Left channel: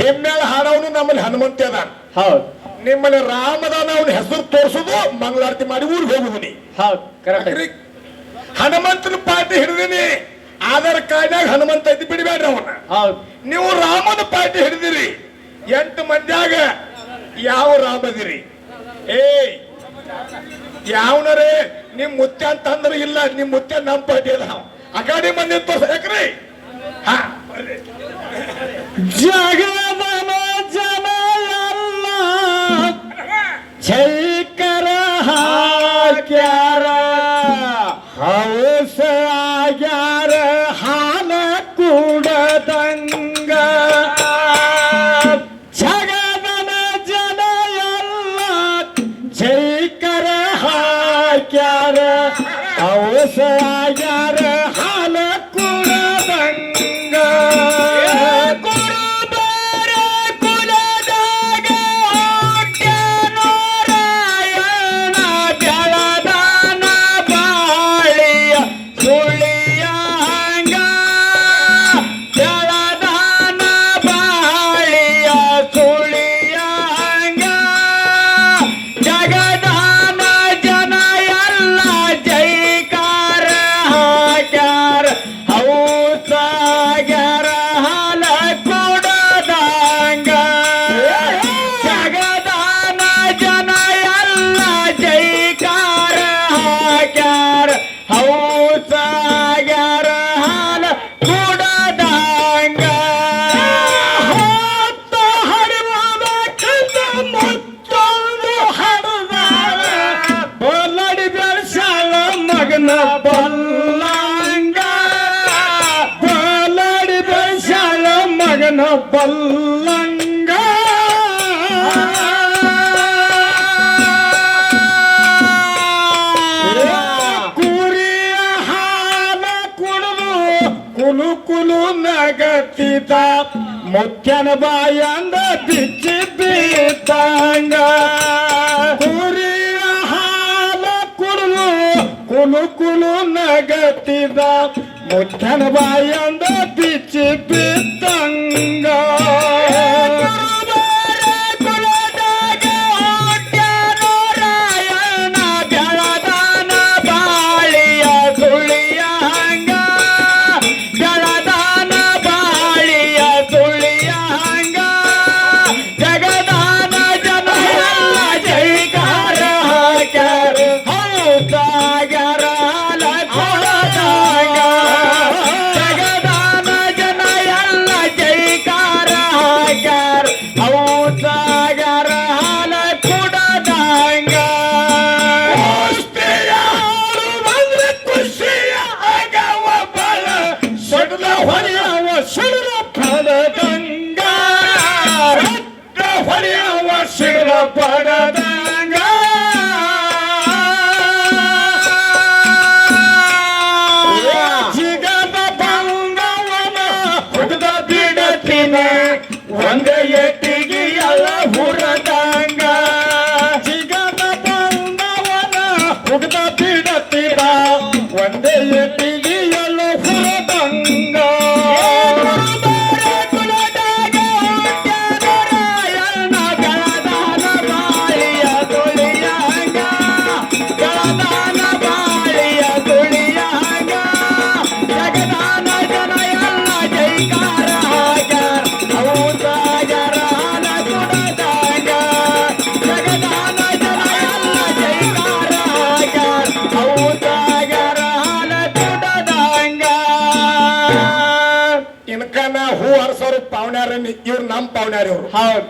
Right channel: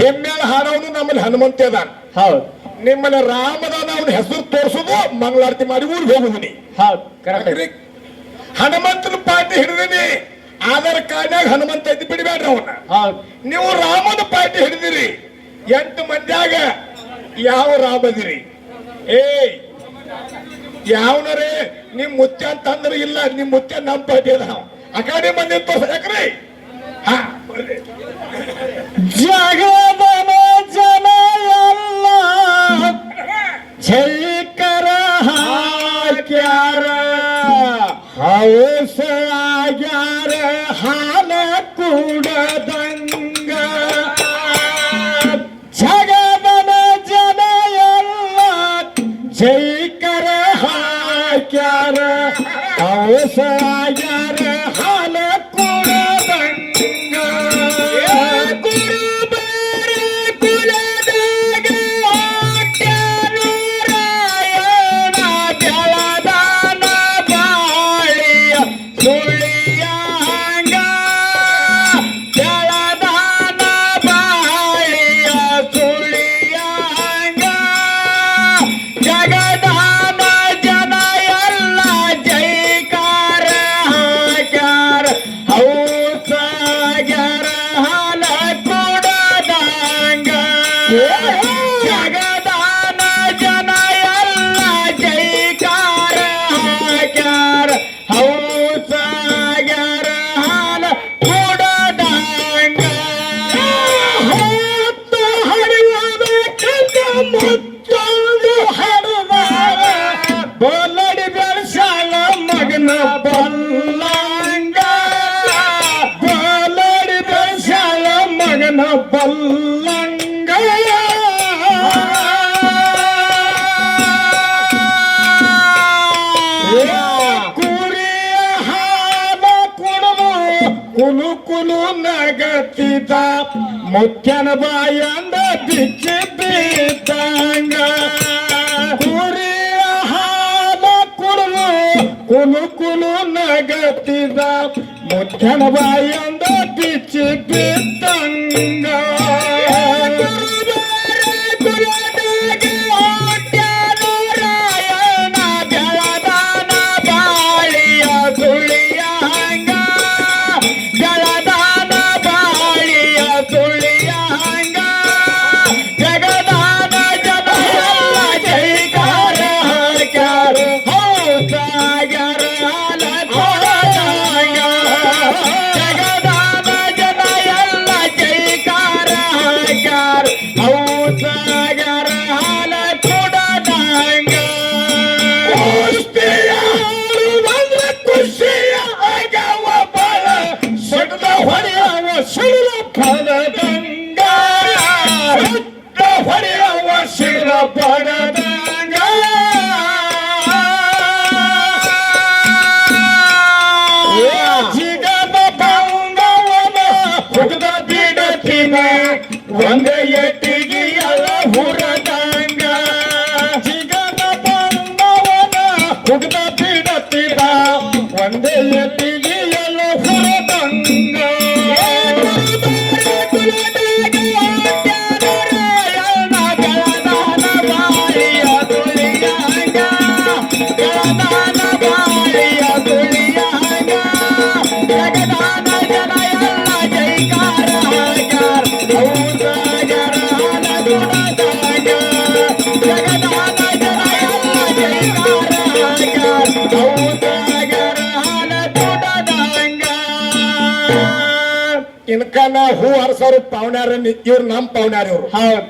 ಹೆಮ್ಮೆಳ ಹಾಡವನು ನಮ್ಮಲ್ಲಿ ಹನುಮಂತ ಅದಾನ. ಹೌದು. ನಿಮ್ಮಲ್ಲಿ ರಾಮದಾನ ಅವನ ಹೆಸರು ತೋರಿಸೋದು ಮಂಗಳಾರತಿ ಮಾಡಿ ಊರಿಗೆ ಹೋಗುದಿನಿ. ಹೌದು ಕರೆಕ್ಟ್. ಹನುಮಂತನ ಪಾರ್ಟಿ ಹಿಡಿದಿನಿ, ಆಧಾರ್ ಕಾರ್ಡ್ನಾಗ ಹನುಮಂತ ಇದ್ದು ಬಿಡಬೇಡ್ರಿ ಅವನ. ಹೌದು. ನೀವು ರಾಮನ ಪಾರ್ಟಿ ಹಿಡಿದಿರಿ, 8 ಮಂದಿಯಾಗ ಯಾವ ರಾಮದಿರಿ? ಯಾವನರೇ ನಿಮ್ ಮುತ್ಯ ಅಂತಂದ್ರೆ ಇಲ್ಲ, ನಿಮ್ ಮುತ್ಯ ನಮ್ ಪಾರ್ಟಿ ಅದ. ಅಕಾಡಿ ಮಂದಿ ಯಾಕ್ರಿ ಜಗದನ ಜನ ಎಲ್ಲ ಜೈಕರ ಹಾಕ್ಯಾರ, ಹೌಸ ಆಗ್ಯಾರ ಹಾಲ ಕೂಡದಂಗ. ಜಗದನ ಜನ ಎಲ್ಲ ಜೈಕರ ಹಾಕ್ಯಾರ, ಹೌಸ ಆಗ್ಯಾರ ಹಾಲ ಕೂಡದಂಗ. ಕುರುಬರ ಕುಲದಾಗ ನಾರಾಯಣ ಬೆಳದಾನ ಬಾಳಿಯ ಸುಳಿಯ ಹಂಗ, ಬೆಳದಾನ ಬಾಳಿಯ ಸುಳಿಯ ಹಂಗ. ಜಗದಾನ ಜನ ಎಲ್ಲ ಜೈಕಾರ ಹಾಕ್ಯಾರ, ಹೌಸಾಗ್ಯಾರ ಹಾಲ ಕೂಡದಂಗ. ಜಗದಾನ ಜನ ಎಲ್ಲ ಜೈಕಾರ ಹಾಕ್ಯಾರ, ಹೌಸಾಗ್ಯಾರ ಹಾಲ ಕೂಡದಂಗ. ಹೊತ್ತ ಹರಿವಾದ ಕಸ ಮುಚ್ಚೊಂದು ಹರಿದ, ಬಲ್ಲಡಿ ಬೆಳಸಾಲ ಮಗನ ಬಲ್ಲಂಗ, ಬಲ್ಲಡಿ ಬೆಳಸಾಲ ಮಗನ ಬಲ್ಲಂಗ. ಕುರಿಯ ಹಾಲ ಕುಡಿದು ಕುಲು ಕುಲು ನಗತಿದ, ಮುತ್ಯನ ಬಾಯಂದ ಬಿಚ್ಚಿ ಬಿದ್ದಂಗ. ಕುರಿಯ ಹಾಲ ಕುಡಿದು ಕುಲು ಕುಲು ನಗತಿದ, ಮುತ್ಯನ ಬಾಯಂದ ಬಿಚ್ಚಿ ಬಿದ್ದಂಗ. ಕುಲದಾಗ ನಾರಾಯಣ ಬೆಳದಾನ ಬಾಳಿಯ ಸುಳಿಯ ಹಂಗ, ಬೆಳದಾನ ಬಾಳಿಯ ಸುಳಿಯ ಹಂಗ. ಜಗದಾನ ಜನ ಎಲ್ಲ ಜೈಕಾರ ಹಾಕ್ಯಾರ, ಹೌಸಾಗ್ಯಾರ ಹಾಲ ಕೂಡದಂಗ. ಜಗದಾನ ಜನ ಎಲ್ಲ ಜೈಕಾರ ಹಾಕ್ಯಾರ, ಹೌಸಾಗ್ಯಾರ ಹಾಲ ಕೂಡದಂಗ. ಬಂದ್ರೆ ಖುಷಿಯ ಆಗವ ಬಲ, ಸಡ್ಲ ಹೊಡೆಯವ ಸಿಡಿಲ ಪಡದಂಗ, ಸಡ್ಲ ಹೊಡೆಯವ ಸಿಡಿಲ ಪಡದಂಗ. ಜಿಗದ ಬಂದವನ ಹುಡುಗ ಬಿಡತಿನ, ಒಂದ ಎಟ್ಟಿಗೆ ಎಲ್ಲ ಹುರದಂಗ. ಜಿಗದ ಬಂದವನ ಹುಡುಗ ಬಿಡತಿನ, ಒಂದ ಎಟ್ಟಿಗೆ ಎಲ್ಲ ಹುರದಂಗ. ಕುಲದಾಗ ನಾರಾಯಣ ಬೆಳದಾನ ಬಾಳಿಯ ಸುಳಿಯ ಹಂಗ, ಬೆಳದಾನ ಬಾಳಿಯ ಸುಳಿಯ ಹಂಗ. ಜಗದಾನ ಜನ ಎಲ್ಲ ಜೈಕಾರ ಹಾಕ್ಯಾರ, ಹೌಸಾಗ್ಯಾರ ಹಾಲ ಕೂಡದಂಗ. ಜಗದಾನ ಜನ ಎಲ್ಲ ಜೈಕಾರ ಹಾಕ್ಯಾರ, ಹೌಸಾಗ್ಯಾರ ಹಾಲ ಕೂಡದಂಗ. ಇನ್ಕನ ಹೂ ಹರ್ಸೋರು ಪಾವನ್ಯಾರ, ಇವ್ರು ನಮ್ ಪಾವನ್ಯಾರ. ಇವ್ರು ಹೌದು.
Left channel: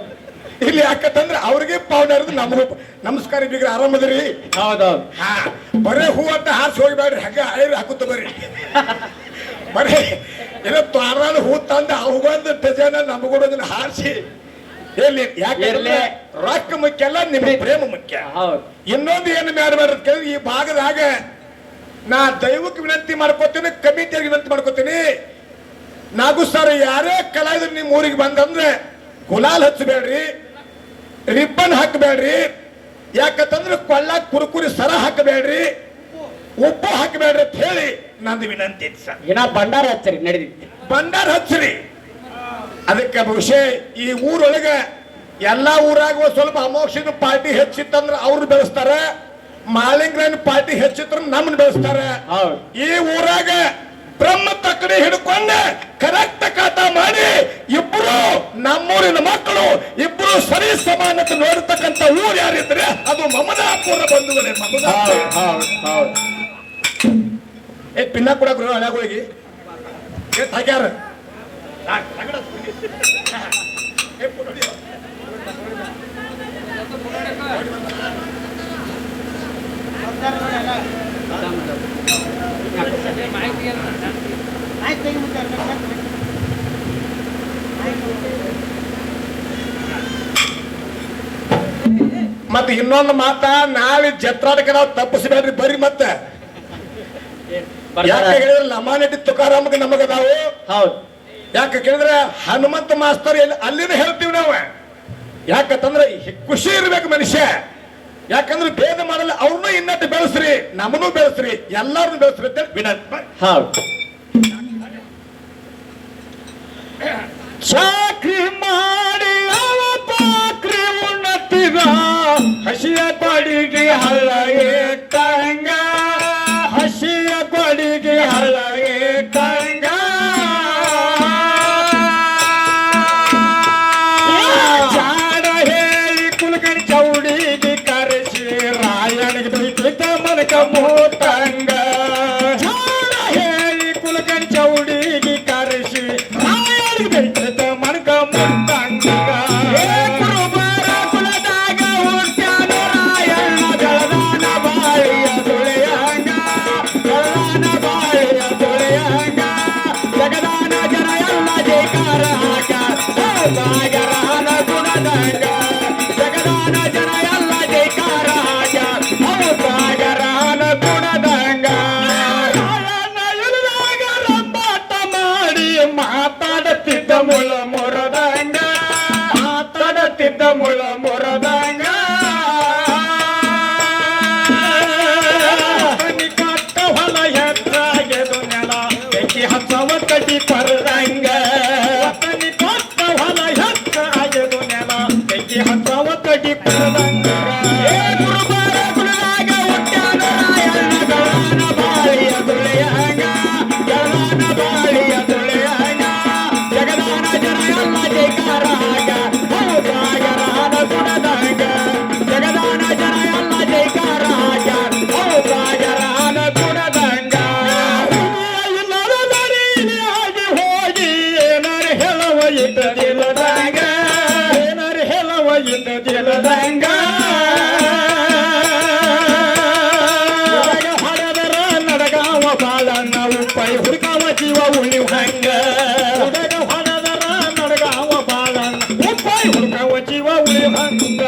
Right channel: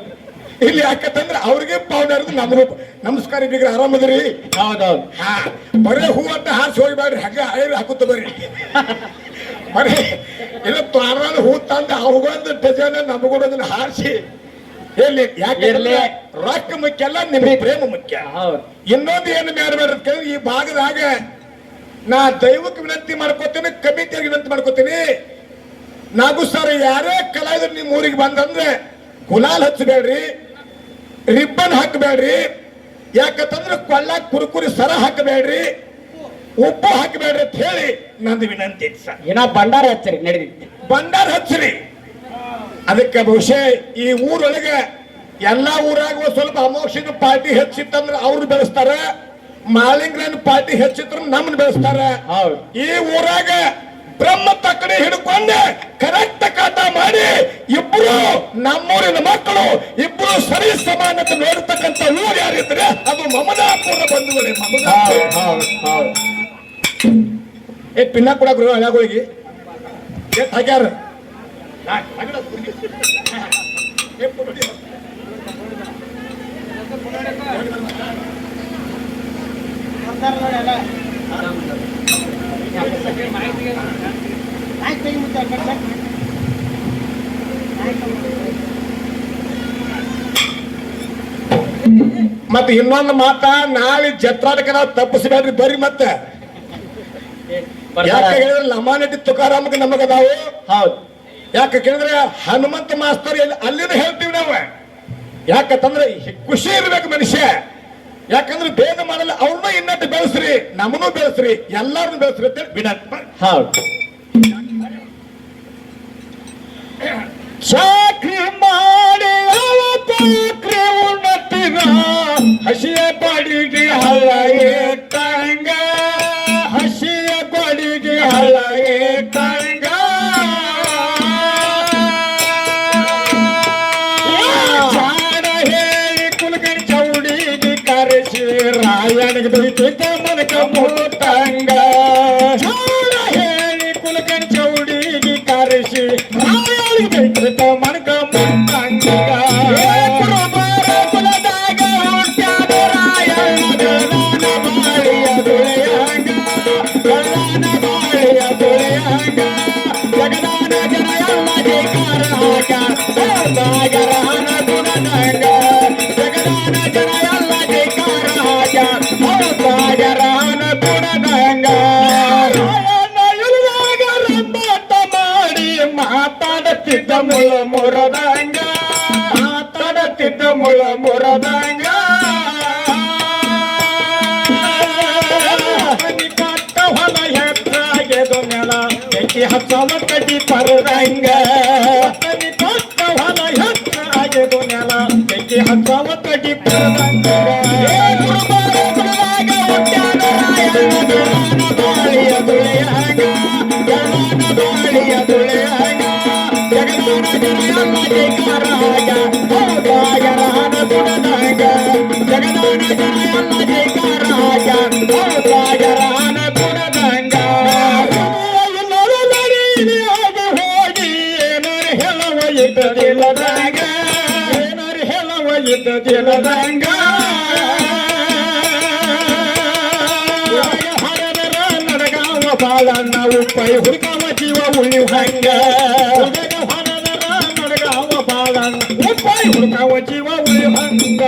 ಇಲ್ಲಿ ಯಾಕಂದ್ರೆ ಅವ್ರಿಗೆ ಪಾವನ್ಯಾರದು ನಮ್ಗೆ ನಮಸ್ಕಾರ ಇದ್ದೀರಿ, ಆರಾಮದ್ರಿ? ಹೌದೌದು. ಬರೇ ಹೂ ಅಂತ ಹಾರಿಸಿ ಹೋಗ್ಬೇಡ್ರಿ, ಹಂಗ ಹಳೆ ಹಾಕುತ್ತ ಬರ್ರಿ. ಬರೀ ಇಲ್ಲ ತ್ವಾರಾನ ಹೂ ತಂದ ಅವುಗೊಂದು ಡಜನ್ ನಮಗೊಡೋದನ್ನ ಹಾರಿಸಿ ಎಲ್ಲಿ ಯಾಕೆ ರೊಕ್ಕ ಮುಖ್ಯ ಅಲ್ಲ, ನಿಮಗೆ ಪ್ರೇಮ ಮುಖ್ಯ. ಇನ್ನೊಂದು ಏನು ಮಾಡ್ಬಾರ್ದು, ಈ ಭಾಗದಾಗ ನಾ ದೈವಕ್ಕೆ ವಿನಂತಿ ಮಾಡ್ಕೋತೀನಿ, ಕಮಿಟಿಯವ್ರಿಗೆ ವಿನಂತಿ ಮಾಡ್ಕೋತೀನಿ. ನಾಗು ಸರ್ ಯಾರೇ ಕಲಾವಿದ್ರು ನಿಮ್ಮ ಊರಿಗೆ ಬಂದಂದ್ರೆ ಗುಲಾಲ್ ಹಚ್ಚಬೇಡ್ರಿ, ರಿಬ್ಬನ್ ಹಾಕಬೇಡ್ರಿ. ಯಾಕಂತಂದ್ರೆ ಕೊಳ್ಳ ಕುರುಕುರಿ ಸರ ಹಾಕಬೇಡ್ರಿ, ಉಪ್ಪು ಹಾಕಬೇಡ್ರಿ ಅಂತ ಹೇಳಿ ನಂದು ವಿನಂತಿ ಸರ್. ಭಂಡಾರ ಹಚ್ಚರಿ, ನಡೀತಿ ಭಂಡಾರ ಹಚ್ಚರಿ. ಅದಕ್ಕೆ ಬಹುಶಃ ಈ ಊರೊಳಗೆ ಎಲ್ಲಾ ಊರಾಗ ಒಂದ್ ಸ್ವಲ್ಪ ಅಮೋಕ್ಷದ ಪಾರ್ಟಿ ಹೆಚ್ಚಿತ್ತಂದ್ರ ಅವ್ರು ಬೆಳೆಸ್ತಾರ, ಮಾಲಿಂಗ್ರನ್ ಪಾರ್ಟಿ ಹೆಚ್ಚಿತ್ರ ನಮ್ಮನ್ನ ಬೆಳೆಸ್ತಾರ. ಈ ಊರಾಗ ಬ್ರಹ್ಮ ತಕ್ಕಡಿ ಹಿಡ್ಕೊಂಡು ಕರೆಕ್ಟ್ ಕಾಟ ಮಾಡಿ ಇಬ್ರು ನಮ್ಮೂರಿನ ಮಕ್ಕಳು ಇಬ್ರು ಸರಿ ಸಮಾನತೆ ನೋಡ್ತಕ್ಕಂಥ ಊರು ಯಾರಿದ್ರೆ ಅದು ಮಮದಾಪುರ ಬಂಧುಗಳೇ. ಪಿನ್ನ ಕೂಡ ಗೃಹ ಹಳಗೋಗಿ ಹಾಕ್ಯಾರ. ಮತ್ತೆ ಇನ್ನೊಂದು ಮಾತ, ನಾಳೆ ಜತ್ರಾದಕ್ಕೆ ನಾವು ತಪ್ಪಿಸಬೇಡ್ರಿ ಬರ್ರಿ. ಮತ್ತೆ ಯಾಕೆ ಹೇಳಿದ್ರೆ ಲಮಾನಟಿ ತುಕಾರಾಮಕ್ಕೆ ನಮಗದಾವು. ಹೌದು, ಯಾಕೆ ಕೇಳಿದ್ರೆ ಹನುಮಂತ ಮಾಸ್ತರ್ ಅಲ್ಲಿಂದ ಹೇಳ್ತೀವಿ ನಾವು. ಯಾಕಂತಂದ್ರೆ ಖುಷಿ ಇರ್ಬೇಕು ಮನುಷ್ಯ. ಯಾಕಂದ್ರೆ ಭೇದ ಮಾಡಲ್ಲ, ಅವ್ರನ್ನ ಇನ್ನಟ್ಟು ಬೆಳೆಸ್ರಿ, ನಮ್ಮನ್ನು ಬೆಳೆಸ್ರಿ, ಎಲ್ಲಾರನ್ನು ಬೆಳೆಸ್ರಿ ಅಂತ ವಿನಂತಿ. ಹೌದು, ಚಾಕ್ರಿ ಮಾಡಿ ಪಾಕ್ರಿ ಉನ್ನತಿನ ಹಸಿಯ ಬಡಿಗೆ ಹಳ ಏಟಂಗ, ಹಸಿಯ ಬಡಿಗೆ ಹಳ ಏಟಂಗ. ಜಾಣ ಹೇಳಿ ಕುಲಕರ್ಣಿ ಚೌಡಿಗೆ ಕರೆಸಿ ರಾಯನಿಗೆ ಬೈತಿದ್ದ ಮನಕ ಮೋತಂಗ. ಜಾಣ ಹೇಳಿ ಕುಲಕರ್ಣಿ ಚೌಡಿಗೆ ಕರೆಸಿ ರಾಯನಿಗೆ ಬೈತಿದ್ದ ಮನಕ ಮೋತಂಗ. ಕುಲದಾಗ ಹುಟ್ಟ್ಯಾನ ರಾಯಣ್ಣ ಗಣನ ಬಾಳಿಯ ತುಳೆಯಂಗ, ಗಣನ ಬಾಳಿಯ ತುಳೆಯಂಗ. ಜಗದಾನ ಜನ ಎಲ್ಲ ಜೈಕಾರ ಹಾಕ ಸಾಗರನ ಗುಣದಂಗ. ಜಗದಾನ ಜನ ಎಲ್ಲ ಜೈಕಾರ ಹಾಕ ಸಾಗರನ ಗುಣದಂಗ. ರಾಯಣ್ಣ ರಂಬಾಟ ಮಾಡಿ ಮಾತಾಡುತ್ತಿದ್ದ ಮುಳ ಮುರದಂಗ, ಮಾತಾಡುತ್ತಿದ್ದ ಮುಳ ಮುರದಂಗ. ಕಟ್ಟ ಹೊಲ ಹೆತ್ತಾಗೆದು ನೆಲ ಬೆಂಕಿ ಹಚ್ಚವ ಕಟ್ಟಿ ಪರದಂಗ. ಕಟ್ಟ ಹೊಲ ಹೆತ್ತಾಗೆದು ನೆಲ ಬೆಂಕಿ ಹಚ್ಚವ ಕಟ್ಟಿ ಪರದಂಗ. ಬಾಳಿಯ ತುಳೆಯಂಗ, ಗಣನ ಬಾಳಿಯ ತುಳೆಯಂಗ. ಜಗದಾನ ಜನ ಎಲ್ಲ ಜೈಕಾರ ಹಾಗ ಸಾಗರನ ಗುಣದಂಗ. ಜಗದಾನ ಜನ ಎಲ್ಲ ಜೈಕಾರ ಹಾಗ ಸಾಗರನ ಗುಣದಂಗ. ನಡಿಯಾಗಿ ಹೋಗಿ ಏನಾರು ಹೇಳುವ ಇದ್ದದಿಲ್ಲದಂಗ, ಏನಾರು ಹೇಳುವ ಇದ್ದದಿಲ್ಲದಂಗ. ನಡಗಾವ ಬಾಳಣ್ಣ ಉಪ್ಪಾಯಿ ಹುಡುಕಾವ ಜೀವ ಉಳಿವಂಗ. ನಡಗಾವ ಬಾಳಣ್ಣ ಉಪ್ಪಾಯಿ ಹುಡುಕಾವ ಜೀವ ಉಳಿವಂಗ.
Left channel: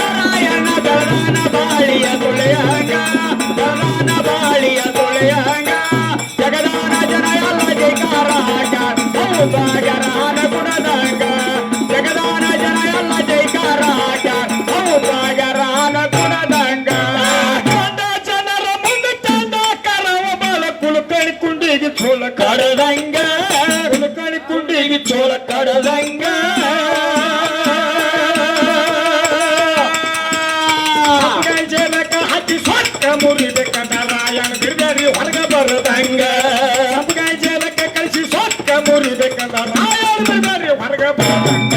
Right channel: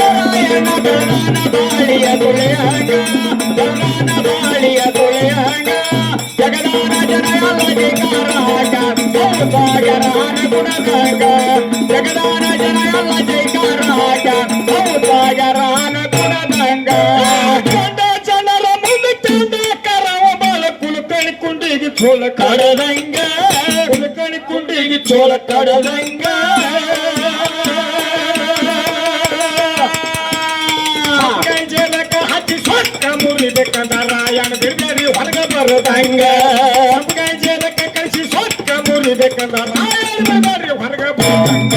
ರಾಯಣ್ಣ ಗಣನ ಬಾಳಿಯ ತುಳೆಯಂಗ, ಗಣನ ಬಾಳಿಯ ತುಳೆಯಂಗ. ಜಗದಾನ ಜನ ಎಲ್ಲ ಜೈಕಾರ ಹಾಕ ಸಾಗರನ ಗುಣದಂಗ. ಜಗದಾನ ಜನ ಎಲ್ಲ ಜೈಕಾರ ಹಾಕ ಸಾಗರನ ಗುಣದಂಗ. ಚಂದ ಜನರ ಮುಂದೆ ಚಂದ ಕರವ ಬಾಳ ಕುಲಕಣಿ ಕುಂಡಿಗೆ ಚೋಳ ಕಡದಂಗ, ಕುಲಕಣಿ ಕುಂಡಿಗೆ ಚೋಳ ಕಡದಂಗ. ಜಲಕ ಹಚ್ಚಿ ಸೊಕ್ಕ ಮುರಿಬೇಕಂದ ರಾಯಣ್ಣ ಗಿರ್ಗರಿ ಹೊರಗ ಬರದಂಗ. ಜಲಕ ಕಳಿಸಿ ಸೊಕ್ಕ ಮುರಿಬೇಕಂದ ರಾಯಣ್ಣ ಗಿರ್ಗರಿ ಹೊರಗ ಬರದಂಗ.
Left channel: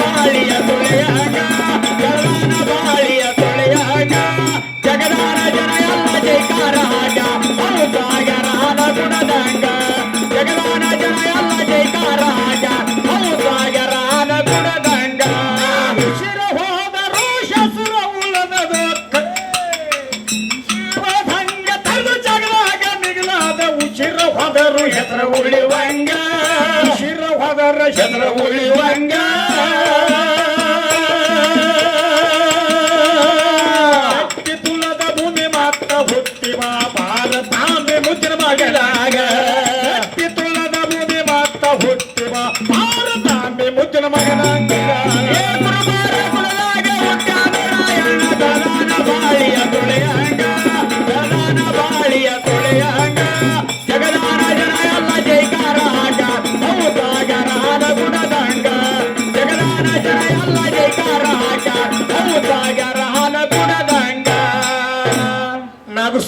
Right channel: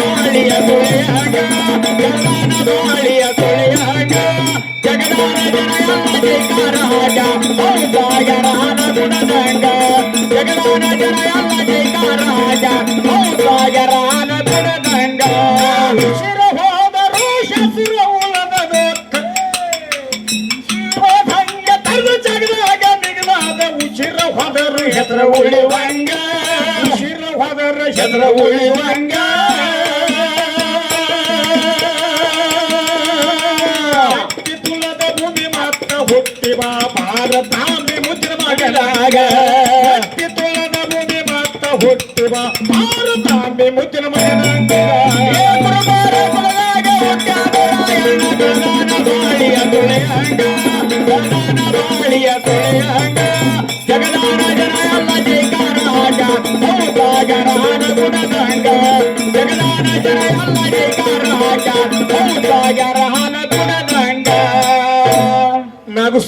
ಬಾಳಿಯ ತುಳೆಯಾಗ, ಗಣನ ಬಾಳಿಯ ತುಳೆಯಾಗ. ಜಗದಾನ ಜನ ಎಲ್ಲ ಜೈಕಾರ ಹಾಗ ಸಾಗರನ ಗುಣದಂಗ. ಜಗದಾನ ಜನ ಎಲ್ಲ ಜೈಕಾರ ಹಾಗ ಸಾಗರನ ಗುಣದಂಗ. ಶಿರ ಹೋದರು ಶಸ್ತ್ರ ಉಳಿದದು ಶಿವಭಂಗ ತರು ಜಗದಾಗ ಮಿಗಿಲಾದ. ಶಿರ ಹೋದರು ಹೆಸರ ಉಳಿವಂಗ, ಶಿರ ಹೋದರ ಹೆಸರ ಉಳಿವಂಗ. ತುಲದ ಭೂಮಿ ಮಾತ್ರ ಹುಟ್ಟಿವ ಭಾರತಾಂಬೆ ಮುದ್ರ ಮಗಲಾಗ. ತುಲದ ಭೂಮಿ ಮಾತ್ರ ಹುಟ್ಟಿವ ಭಾರತಾಂಬೆ ಮುದ್ರ ಮಗಲಾಗ. ಗಣನ ಬಾಳಿಯ ತುಳೆಯಂಗ, ಗಣನ ಬಾಳಿಯ ತುಳೆಯ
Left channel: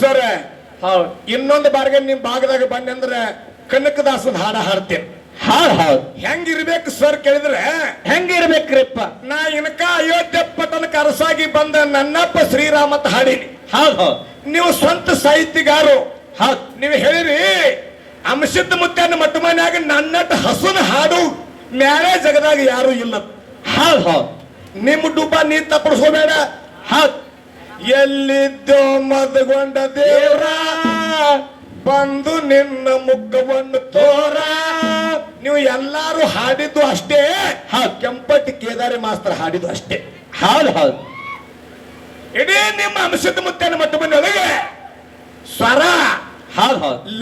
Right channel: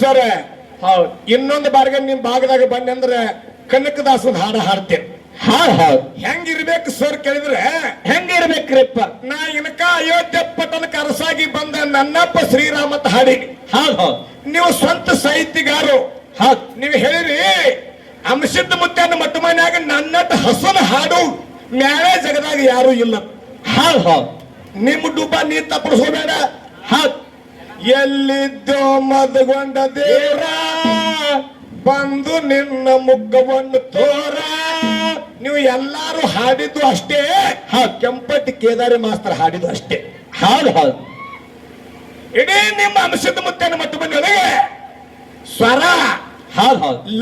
ಸರ್ ಇನ್ನೊಂದು ಬಾರಿಗೆ ನಿಮ್ ಭಾಗದಾಗ ಬಂದೆ ಅಂದ್ರೆ ಕನಕದಾಸನ ಹಾಡ ಹಾಡ್ತೇನೆ. ಹೆಂಗಿರ್ಬೇಕು ಸರ್ ಕೇಳಿದ್ರೆ ಹೆಂಗಿರ್ಬೇಕ್ರಿಪ್ಪ? ನಾ ಇನ್ಕ ಅಯೋಧ್ಯೆ ಪಟ್ಟಣಕ ಅರಸಾಗಿ ಬಂದ ನನ್ನಪ್ಪ ಶ್ರೀರಾಮ ಅಂತ ಹಾಡೀನಿ. ನೀವು ಸ್ವಂತ ಸಾಹಿತ್ಯಗಾರು, ನೀವು ಹೇಳಿರಿ ಅಂಶಿದ್ದ ಮುತ್ತನ ಮಟ್ಟ ಮನ್ಯಾಗ ನನ್ನಟ್ಟ ಹಸುನ ಹಾಡು ಮ್ಯಾಲೆ ಜಗದಾಗ ಯಾರು ಇಲ್ಲ. ನಿಮ್ಮ ಡುಬ್ಬ ನೀರ್ ತಪ್ಪಡಿಸೋಬೇಡ. ಎಲ್ಲಿದ್ದೋ ಮದಗೊಂಡ ದೇವ್ರ ಬಂದು ನಿನ್ನ ಮುಖವನ್ನು ತೋರ. ನೀವು ಎಲ್ಲಾರು ಹಾಡಿದ್ದು ಅಷ್ಟೇ, ಕೆಂಪಟ್ಟಿ ಕೇದಾರಿ ಮಾಸ್ತರ್ ಹಾಡಿದ್ದು ಅಷ್ಟೇ. ಇಡೀ ನಿಮ್ಮ ಅಂಶದ ಮುತ್ತನ ಮಟ್ಟ ಬಂದೊಳಗೆ ಸ್ವರ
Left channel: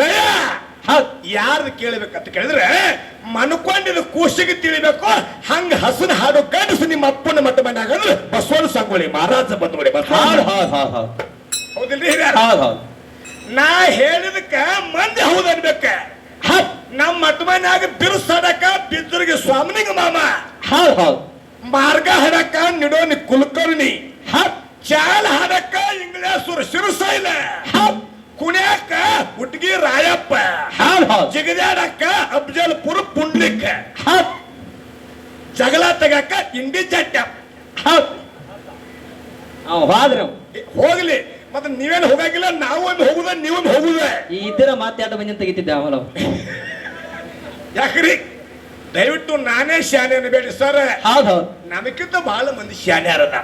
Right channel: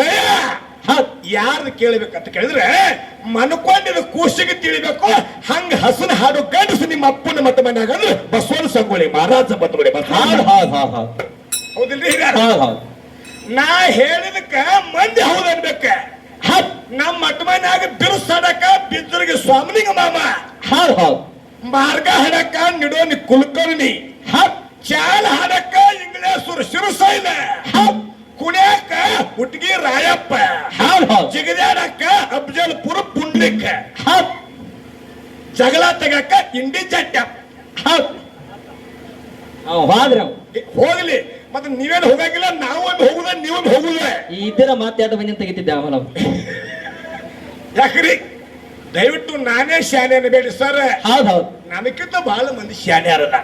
ಲಯ ಯಾರು ಕೇಳಬೇಕಂತ ಕೇಳಿದ್ರೆ ಮನ್ಕೊಂಡಿದ ಕೂಸಿಗೆ ತಿಳಿಬೇಕು. ಹಂಗ ಹಸುನ ಹಾಡು ಗಂಡಸು ನಿಮ್ಮ ಅಪ್ಪನ ಮಟ್ಟ ಮನ್ಯಾಗ ಅಂದ್ರೆ ಬಸವನ ಸಂಗೊಳ್ಳಿ ಮಹಾರಾಜ ಬಂದ್ಬಿಡಿ. ಹೌದಿಲ್ರಿ? ನಾ ಹೇಳಿದಕ್ಕ ಮಂದಿ ಹೌದು ಅನ್ಬೇಕ. ನಮ್ಮ ಮಟ್ಟ ಮನ್ಯಾಗ ಬಿರುಸಾಡಕ ಬಿದ್ದರಿಗೆ ಸ್ವಾಮಿನಿಂಗ ಮಾಮ, ಮಾರ್ಗ ಹಾಡಕ ನಿಡೋನಿ ಕುಲಕರ್ಣಿ, ಚಾಲ ಹಾಡಕ ಇಂಗ್ಲೇಶ್ವರ ಶಿರಸೈಲ, ಕುಣ್ಯಾಕ ಹುಟ್ಗಿ ರಾಯಪ್ಪ, ಜಿಗದ್ಯಾಡಕ್ಕ ಅಫ್ಜಲ್ಪುರ ಪುಂಡ್ಲಿಕ್, ಜಗಳ ತೆಗಕ ಇಂಡಿ ಜಟ್ಟ. ಹೋಗ್ಲಿ ಮತ್ತೆ ನೀವೇನು ಹೋಗಂಗಿಲ್ಲ, ನಾವು ಒಂದು ಹೋಗುದ ನೀವೊಂದು ಹೋಗುದ. ಇದರ ಮಾತಾಡ ಬಂದು ತೆಗಿತಿದ್ದೆ ಅವನ. ಯಾಕ್ರಿ ದಯವಿಟ್ಟು ನಾನೇ ಶಾನೆ ಅನ್ಬೇಡಿ ಸರ್. ನಮಗಿಂತ ಬಹಳ ಮಂದಿ ಶಾನೆ ಅರದ.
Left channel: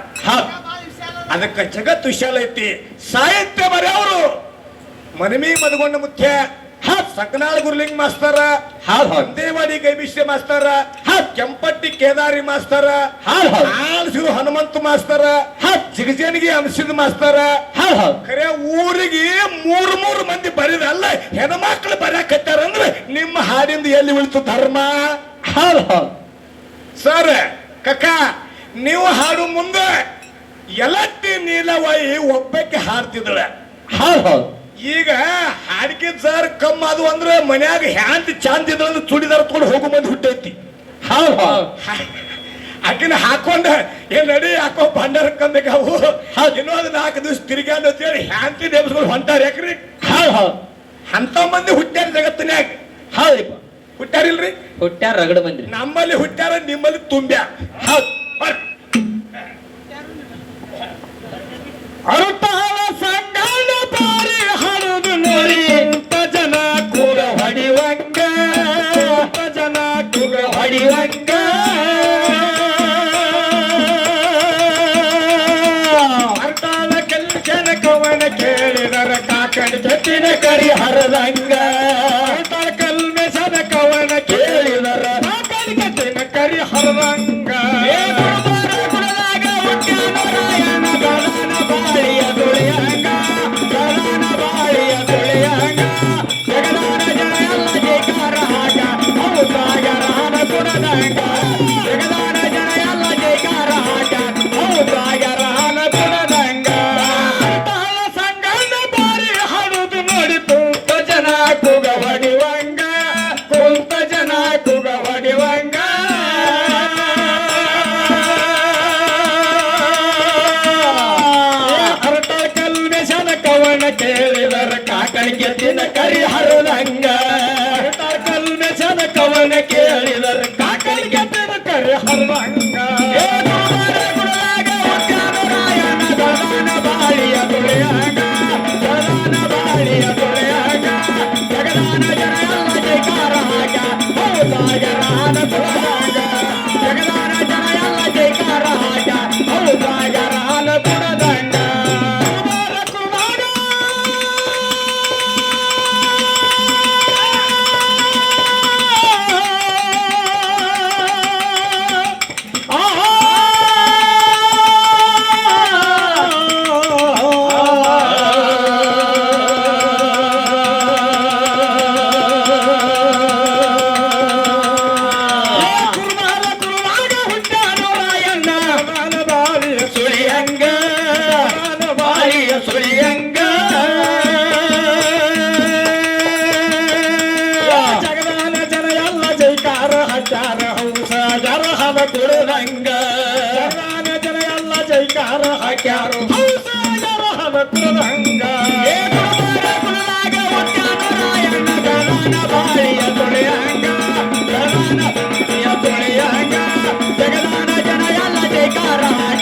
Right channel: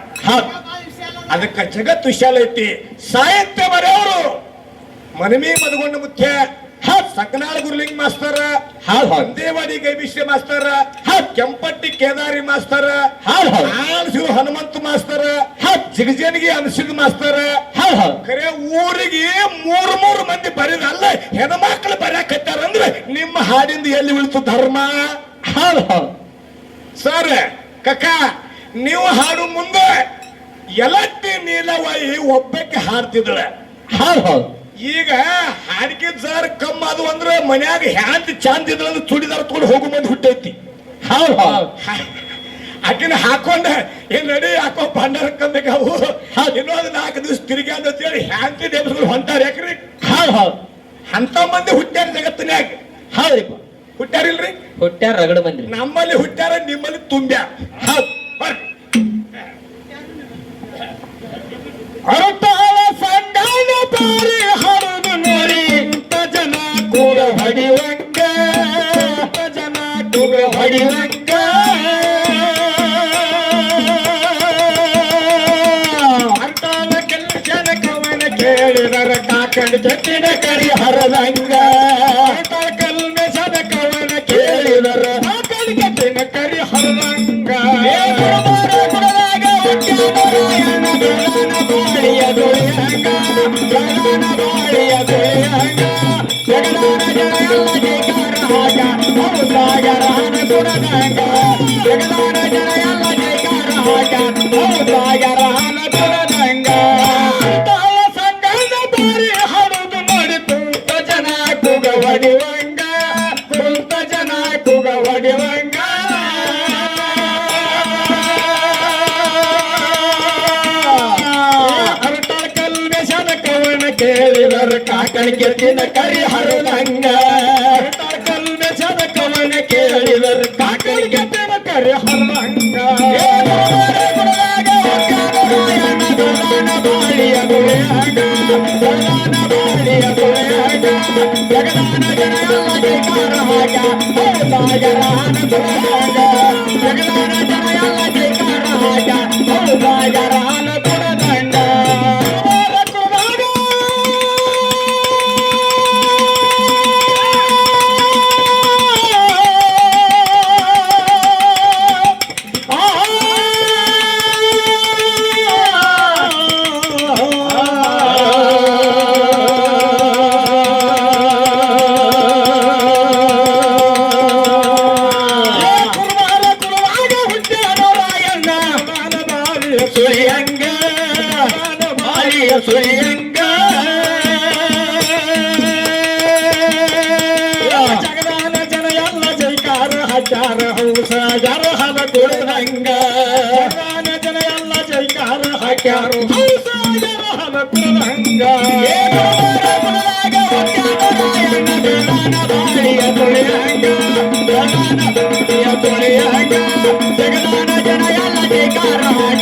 ಅದಕ್ಕೆ ಜಗತ್ತು ವಿಶಾಲ ಐತಿ. ಸಾಹಿತ್ಯ ಬರೆಯವರು ಮನಮಿ ಮದಗೊಂಡ ಮುಖ್ಯ, ಸಕನಾಳ ಗುರುಲಿಂಗ್ ಮಾಸ್ತರ, ದೇವಾಡಿ ಗೈಬಿಷ್ಯ ಮಾಸ್ತರ, ಕೆಂಪಟ್ಟಿ ಕೇದಾರಿ ಮಾಸ್ತರ, ಆಳ್ಸಿದ ಹನುಮಂತ ಮಾಸ್ತರ, ಜಿಗಜೇನಿಗೆ ಅಂಶದ ಮಾಸ್ತರ. ಖರೆ ಊರಿಗೆ ಮೂರು ಮಂದಿ ಬರೀದಲ್ಲ, ಹೆಣ್ಮಕ್ಳು ಬರಕತ್ತಾರ ಅಂದ್ರೆ ನಿಮ್ಮ ಹಾಡಿಂದ ಎಲ್ಲಿ ಉಳಿತು ಧರ್ಮ? ಸರ್ ಕಕ್ಕ ನೀವು ಹಾಡು ಮುಂದೆ ಎಲಟ್ಟಿ ನೀಲವಾಯಿ ಒಬ್ಬಕ್ಕೆ ಹಾಡ್ತಿದ್ರೆ, ಈಗ ಹಾಡಿಕೆ ಸರ್ ಕಮ್ಮ ಅದು ಅಂದ್ರೆ ಮನ್ಯಾಗ ಹ್ಯಾಂತ ಚಾಂದ್ ಇದ್ರೆ ತುಡಿದಾರ ತಗೊಂಡು ಹೋಗೋ ಮಂದಿ ಹುಟ್ಟೈತಿ. ಆಕಿನ ಹಾಕೊಂಡ ಏನ್ ನಡಿ ಹಾಕೋ ಭಂಡಾರ ಕಂದವು ಇನ್ನೊಂದು 4 ದಿವಸ ತಿರುಗಾಡ ಅಂತೇಳಿ ಹ್ಯಾಂತಿ ದೇವಸ್ಗಳು ಹೊಂಟಾರ. ಯಾಕ್ರಿ ಅಂತ ಮಂದಿ ಹುಟ್ಟ್ಯಾರ ಜಗತ್ತಿನ್ಯಾಗ. ಹುಟ್ಟ್ಯಾರಿಲ್ರಿ? ಹುಟ್ಟ್ಯಾರ ರಗಡ ಮಂದಿ. ನಮ್ಮಲ್ಲಿ ಹುಟ್ಟ್ಯಾರ, ನಿಮ್ಮಲ್ಲಿ ತುಂಬ್ಯಾ. ಅರತಾಳ ಸಂಗಾನ ಬಾರಿ ಹರಿದು ನೋಡಿ ಎಂತ ಜನ ಕೂಗ ಹೊಡಿವಂಗ, ಜನ ಕೂಗ ಹೊಡಿವಂಗ. ಅರತಾಳ ಕೆಲಸನ ಕವನ ಕೇಳಿದರ ಕಾಕಡಿ ಕೆತ್ತಿನ ಕರಿ ಹರದಂಗ, ಅರತಾಳ ಕಲ್ಮೆಸನ ಕವನ ಕೇಳಿದರ ಕಾಕಡಿ ಕೆತ್ತಿನ ಕರಿ ಹರದಂಗ. ಕೇಳಿದರ ಕಾಕಣಿ ಕೆತ್ತಿನ ಕರಿ ಹರದಂಗ, ಕಲ್ಮೆಸನ ಕವನ ಕೇಳಿದರ ಕಾಕಣಿ ಕೆತ್ತಿನ ಕರಿ ಹರದಂಗ. ಬಾಳಿಯ ದುಳಿಯಾಗ, ಬಾಳಿಯ ದುಳಿಯಾಗ, ಜಗದಾನ ಜಗಕಾರ ಹಾಗ ಹೌದಾಗರಾನ ದುಳದಾಗ, ಜಗದಾನ ಜಗಕಾರ ಹಾಗ ಹೌದಾಗರಾನ ದುಳದಂಗ. ಸುಳಿಯಂಗ ಜಗದಾನ ಜನ ಎಲ್ಲ ಜೈಕಾರ ಹಚ್ಚಾರ ಹೌಸಾಜರ ಹವ ತುಳಿದಂಗ, ಜಗದಾನ ಜನ ಎಲ್ಲ ಜೈಕಾರ ಹಾಕ್ಯಾರ ಹೌಸಾಜರ ಹವ ಕುಲದ ಹಂಗ ಏ ಗುರುವಾರ ಕುಲದಾಗ ಹುಟ್ಟ್ಯಾನೋ ರಾಯಣ್ಣ ಗಣನ ಬಾಳಿಯ ತೊಳೆಯ ಹಂಗ ಗಣನ ಬಾಳಿಯ ತೊಳೆಯ ಹಂಗ ಜಗದಾನ ಜನ ಎಲ್ಲ ಜೈಕಾರ ಹಾಡಿ